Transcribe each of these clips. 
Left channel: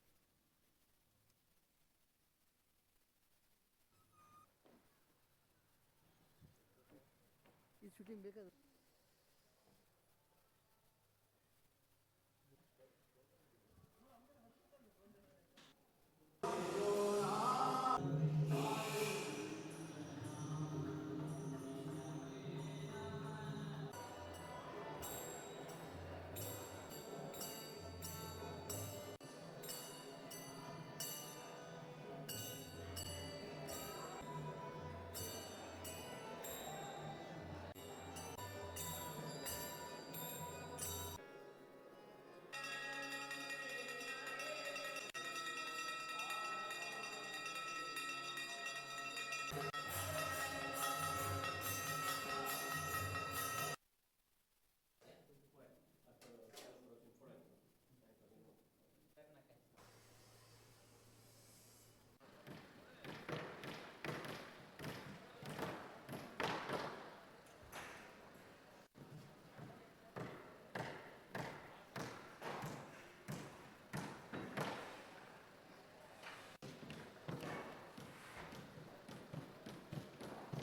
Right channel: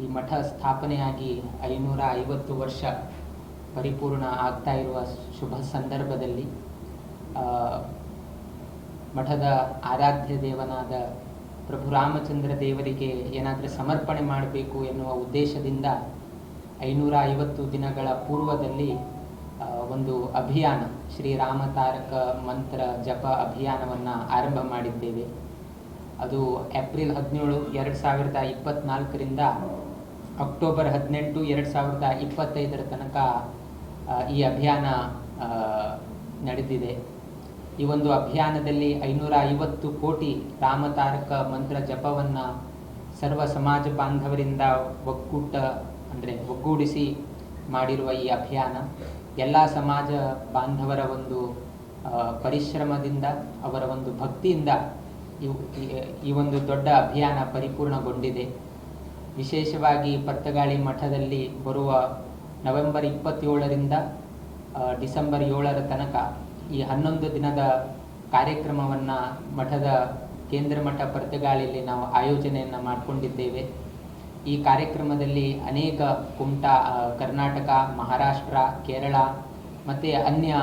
ಈ ಮಠ ಸ್ಥಾಪನೆಯಾಗಿ 550 ವರ್ಷ ಪರಿಪೂರ್ಣ ಆಗ್ತಾ ಇರುವ ಶುಭ ಸಂದರ್ಭದಲ್ಲಿ ಮಠದ ಆರಾಧ್ಯ ದೇವನಾದ ಪ್ರಭು ರಾಮಚಂದ್ರ ದೇವರಿಗೆ ಏನಾದರೂ ಸಮರ್ಪಣೆ ಮಾಡಬೇಕು ಎನ್ನುವ ಉದ್ದೇಶದಿಂದ 550 ದಿನಗಳ ಪೂರ್ವದಲ್ಲಿ ಒಂದು ಅಭಿಯಾನ ಶ್ರೀರಾಮ ತಾರಕ ಮಂತ್ರ ಜಪ ಅಭಿಯಾನವನ್ನು ಆರಂಭ ಮಾಡಿದ್ದೇವೆ. ಅದು ಏಪ್ರಿಲ್ 17, 2024ರಿಂದ ಅಕ್ಟೋಬರ್ 18, 2025 ತನಕ ಈ ಅಭಿಯಾನ ನಡೆದಿದೆ. ಈ ಒಂದು ಅಭಿಯಾನದಲ್ಲಿ 550 ಕೋಟಿ ರಾಮತಾರಕ ಮಂತ್ರ ಜಪವನ್ನು ಸರ್ವ ಸಮಾಜ ಬಾಂಧವರಿಂದ ಒಗ್ಗೂಡಿಸಿ ಮಾಡಿರುವ ಈ ಅಭಿಯಾನ ಎಲ್ಲ ಸಮಾಜ ಬಾಂಧವರ ಒಂದು ಪರಿಶ್ರಮದಿಂದ, ಅವರ ಒಂದು ಭಕ್ತಿಯಿಂದ ಈ ಒಂದು ದೊಡ್ಡ ಅಭಿಯಾನ ಪರಿಪೂರ್ಣಗೊಂಡಿದೆ. ವಿಶೇಷವಾಗಿ ಪರ್ತಗಾಳಿ ಮಠದಲ್ಲಿ ಬರುವ ನವೆಂಬರ್ 27ರಿಂದ ಡಿಸೆಂಬರ್ 7 ತನಕ ಈ 11 ದಿನದ ಕಾರ್ಯಕ್ರಮವನ್ನು ಮಠದ ಕೇಂದ್ರ ಮಠ ಪರ್ತಗಾಳಿಯಲ್ಲಿ ನಾವು ಆಯೋಜನೆಯನ್ನು ಮಾಡಿಕೊಂಡಿದ್ದೇವೆ. ಈ ಕಾರ್ಯಕ್ರಮದಲ್ಲಿ ಅನೇಕ ಕರ್ನಾಟಕ, ಮಹಾರಾಷ್ಟ್ರ, ಕೇರಳ ಮತ್ತು ಅನ್ಯ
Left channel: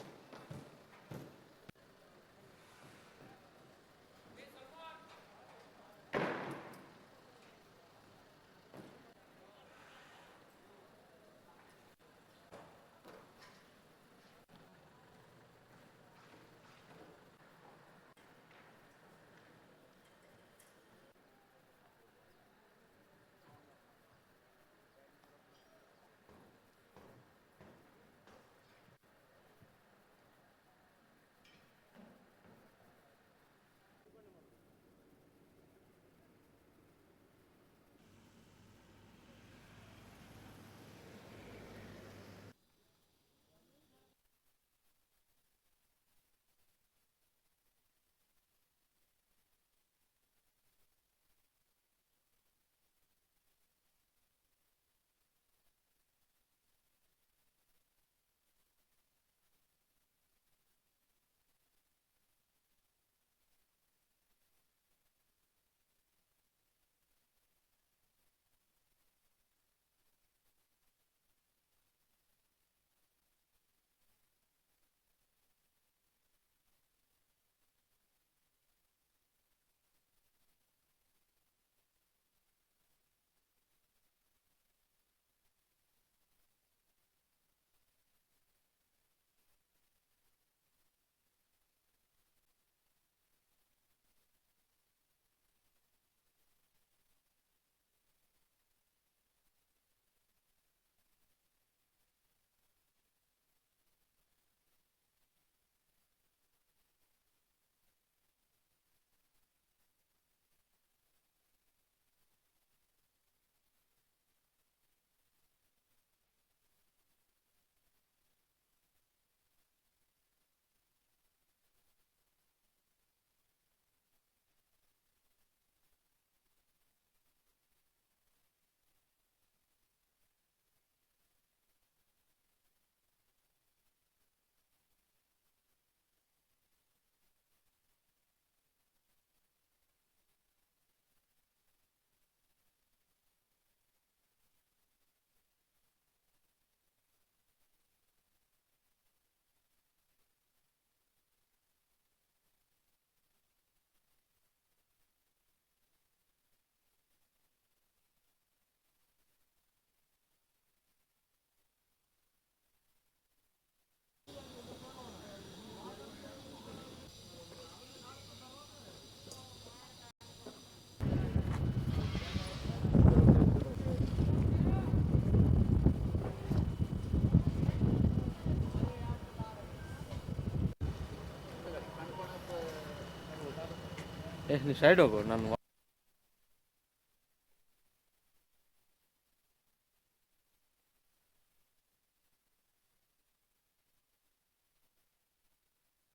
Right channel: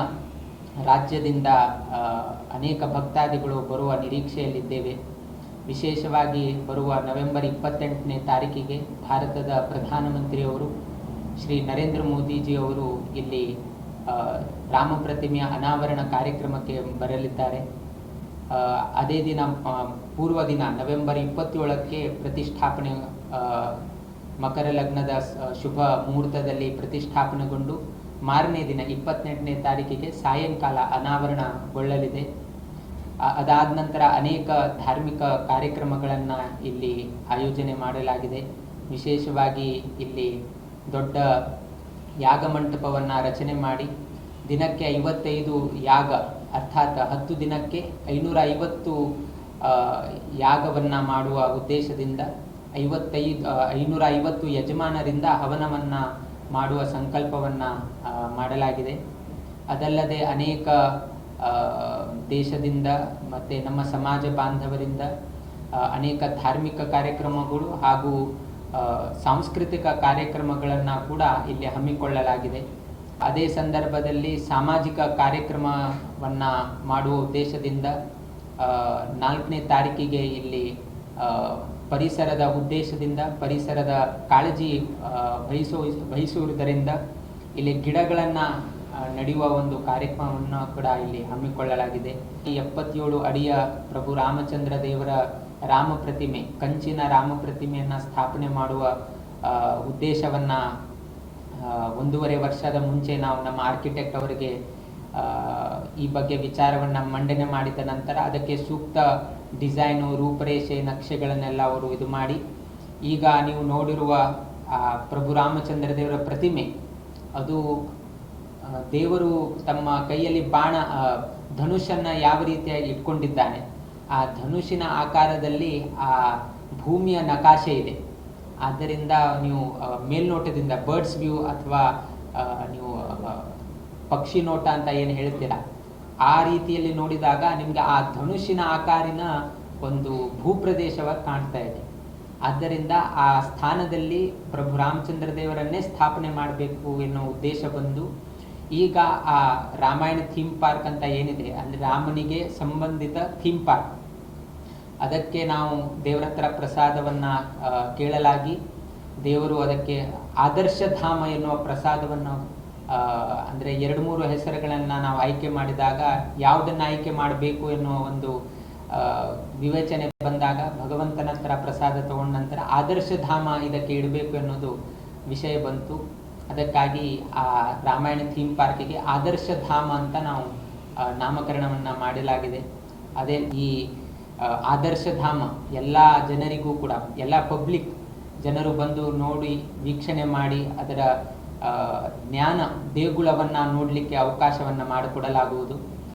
ರಾಜ್ಯದಿಂದ ಅನೇಕ ಭಕ್ತಾದಿಗಳು ಬರುವ ನಿರೀಕ್ಷೆಯಲ್ಲಿದ್ದೇವೆ. ವಿಶೇಷವಾಗಿ ಬರುವ ನವೆಂಬರ್ 28ನೇ ತಾರೀಕಿಗೆ ಭಾರತದ ಪ್ರಧಾನಮಂತ್ರಿಯವರು ಶ್ರೀ ನರೇಂದ್ರ ಮೋದಿಜಿಯವರು ಇಲ್ಲಿ ರಾಮ ಪ್ರತಿಮೆಯ ಅನಾವರಣ ಕಾರ್ಯಕ್ರಮಕ್ಕೆ ಬರಲಿದ್ದಾರೆ. ಅದೇ ದಿನ ಪೂರ್ವ ದಿನ ನವೆಂಬರ್ 27ಕ್ಕೆ ಪ್ರತಿಷ್ಠಾಪನೆ, ಮಕರ ಲಗ್ನದ ಶುಭ ಮುಹೂರ್ತದಲ್ಲಿ ಪ್ರತಿಷ್ಠಾಪನೆಗೊಂಡು ಮಾರನೇ ದಿನ 28ನೇ ತಾರೀಕಿಗೆ ಸಾಯಂಕಾಲ ಅನಾವರಣಗೊಳ್ಳಲಿದೆ. ಅದಾದ ನಂತರ ಅನೇಕ ಧಾರ್ಮಿಕ ಕಾರ್ಯಕ್ರಮಗಳನ್ನು ಇಲ್ಲಿ ಆಯೋಜನೆ ಮಾಡಲಾಗಿದೆ. ವಿಶೇಷವಾಗಿ ಇಲ್ಲಿ ದೊಡ್ಡ ಯಾಗ ಮಂಟಪವನ್ನು ರಚನೆ ಮಾಡಿ ದಿನಕ್ಕೆ 55 ಯಾಗ, ಅರ್ಥಾತ್ 10 ದಿನಕ್ಕೆ 550 ಯಾಗವನ್ನು ಮಾಡುವ ಉದ್ದೇಶದಿಂದ 550 ಯಜಮಾನರಿಂದ ಹವನವನ್ನು ಮಾಡುವ ಸಂಕಲ್ಪವನ್ನು ಮಾಡಲಾಗಿದೆ. ಅದಲ್ಲದೆ ಅನೇಕ ದೇಶದಿಂದ ಮತ್ತು ನಮ್ಮ ಸಮಾಜ ಬಾಂಧವರಿಂದ ಅನೇಕ ಧಾರ್ಮಿಕ ಕಾರ್ಯಕ್ರಮಗಳು ಹಾಗೂ ಸಾಂಸ್ಕೃತಿಕ ಕಾರ್ಯಕ್ರಮಗಳನ್ನು ಕೂಡ ಇಲ್ಲಿ ಹಮ್ಮಿಕೊಳ್ಳಲಾಗಿದೆ. ಅದೇ ಸಂದರ್ಭದಲ್ಲಿ ಸಾಮಾಜಿಕ ಕಾರ್ಯಕ್ರಮವನ್ನು ಮಾಡುವ ಉದ್ದೇಶದಿಂದ 4ನೇ ತಾರೀಕಿಗೆ ಇಲ್ಲಿ ಪರಿಸರದ ಉದ್ದೇಶದಿಂದ, ಪರಿಸರದ ಕಾಳಜಿ ವಹಿಸುವುದರಿಂದ ಇಲ್ಲಿ ಗಿಡಗಳನ್ನು ನಡೆಯುವ ಒಂದು ಕಾರ್ಯಕ್ರಮವನ್ನು ಕೂಡ ಇಲ್ಲಿ ಹಮ್ಮಿಕೊಳ್ಳಲಾಗಿದೆ. ಈ 77 ಅಡಿಯ ಪ್ರಭು ರಾಮಚಂದ್ರ ದೇವರ ರಾಮ ಪ್ರತಿಮೆ, ಕಂಚಿನ ರಾಮ ಪ್ರತಿಮೆಯನ್ನು ಸ್ಥಾಪನೆ ಮಾಡುವ ಉದ್ದೇಶವನ್ನು 1.5 ವರ್ಷದ ಮುಂಚೆ ನಾವು ನಮ್ಮ ಆರ್ಕಿಟೆಕ್ಟ್ ಅವರಿಗೆ ಈ ಬಗ್ಗೆ ವಿಚಾರವನ್ನು ಮಂಡನೆ ಮಾಡಿದ ನಂತರ ಅದಕ್ಕೆ ಸೂಕ್ತ ಡಿಸೈನು, ರೂಪರೇಷೆ, ನಕ್ಷೆಗಳನ್ನೆಲ್ಲ ಅವರು ಇದು ಮಾಡಿ, ಈಗ ನೀವು ನೋಡಿರುವ ಪ್ರಭು ರಾಮಚಂದ್ರ ದೇವರ ಪ್ರತಿಮೆ, ಅದು ದೇವರು ತಮ್ಮ ಕೈಯಲ್ಲಿ ಧನುಷನ್ನು ಯಾವ ರೀತಿಯಾಗಿ ಇಟ್ಕೊಂಡಿದ್ದಾನೆ, ಆ ಧನುಷಿನ ಆಕಾರದಲ್ಲಿ ಆ ಭೂಮಿಯ ನಕಾಶೆ ಇದೆ. ಆದ್ದರಿಂದ ನೀವು ಮೇಲ್ನೋಟದಿಂದ ಬರ್ಡ್ಸ್ ವ್ಯೂ ಅಥವಾ ನೀವು ಪಕ್ಷಿ ನೋಟ ಅಂತ ಏನು ಹೇಳ್ತೀರ, ಆ ರೀತಿಯಲ್ಲಿ ನೋಡಿದಾಗ ನಿಮಗೆ ಆ ಧನುಷಿನ ಆಕಾರಿನ ಒಂದು ಭೂಪ್ರದೇಶವಾಗಿ ಕಾಣ್ತಾ ಇದೆ. ಆದ್ದರಿಂದ ಆ ಸ್ಥಾನದಲ್ಲಿ ಪ್ರಭು ರಾಮಚಂದ್ರ ದೇವರನ್ನೇ ಸ್ಥಾಪನೆ ಮಾಡಬೇಕು ಎನ್ನುವ ಉದ್ದೇಶ ಬಂದು ಈಗ ಆ ರಾಮಾಯಣ ಥೀಮ್ ಪಾರ್ಕ್ ಅಂತ ಏನಿದೆ, ಅಂದರೆ ರಾಮನಿಗೆ ಸಂಬಂಧಿತ ಥೀಮ್ ಪಾರ್ಕ್, ಅದಕ್ಕೆ ನಾವು ದೇವರ ಹತ್ರ ಪ್ರಸಾದವನ್ನು ಕೇಳಲಾಗಿ ದೇವರು ಅದಕ್ಕೆ ಆದರ್ಶ ಧಾಮ ಎನ್ನುವ ಪ್ರಸಾದವನ್ನು, ಅಂದರೆ 2-3 ಹೆಸರುಗಳನ್ನು ನಾವು ಆಯ್ಕೆ ಮಾಡಿದಾಗ ಯಾವುದನ್ನು ಆಯ್ಕೆ ಮಾಡಬೇಕು ಎನ್ನುವ ಒಂದು ವಿವೇಚನೆ ಬಂದಾಗ ಭಗವಂತನ ಹತ್ರ ಪ್ರಸಾದ ತಗೊಂಡ ನಂತರ ಆದರ್ಶ ಧಾಮ ಇದಕ್ಕೆ ಇಡಬೇಕು ಎನ್ನುವುದು ವಿಷಯ ಬಂತು. ಅದಕ್ಕಾಗಿ ಆ ರಾಮಾಯಣ ಥೀಮ್ ಪಾರ್ಕಿಗೆ ಆದರ್ಶ ಧಾಮ ಅಂತ ನಾವು ನಾಮಕರಣವನ್ನು ಮಾಡಲಾಗಿದೆ. ಅದೇ ಈ ಆದರ್ಶ ಧಾಮ ಎಲ್ಲ ಜನರಿಗೂ ಕೂಡ, ಎಲ್ಲ ಪಬ್ಲಿಕ್ ಜನರು ಬಂದು ನೋಡಿ ವೀಕ್ಷಣೆ ಮಾಡಿ ಅದರ ಜ್ಞಾನ ದೇಗುಲವನ್ನು ನೋಡಲಿಕ್ಕೆ ಅವಕಾಶವನ್ನು ಮಾಡಿಕೊಡಲಾಗುವುದು.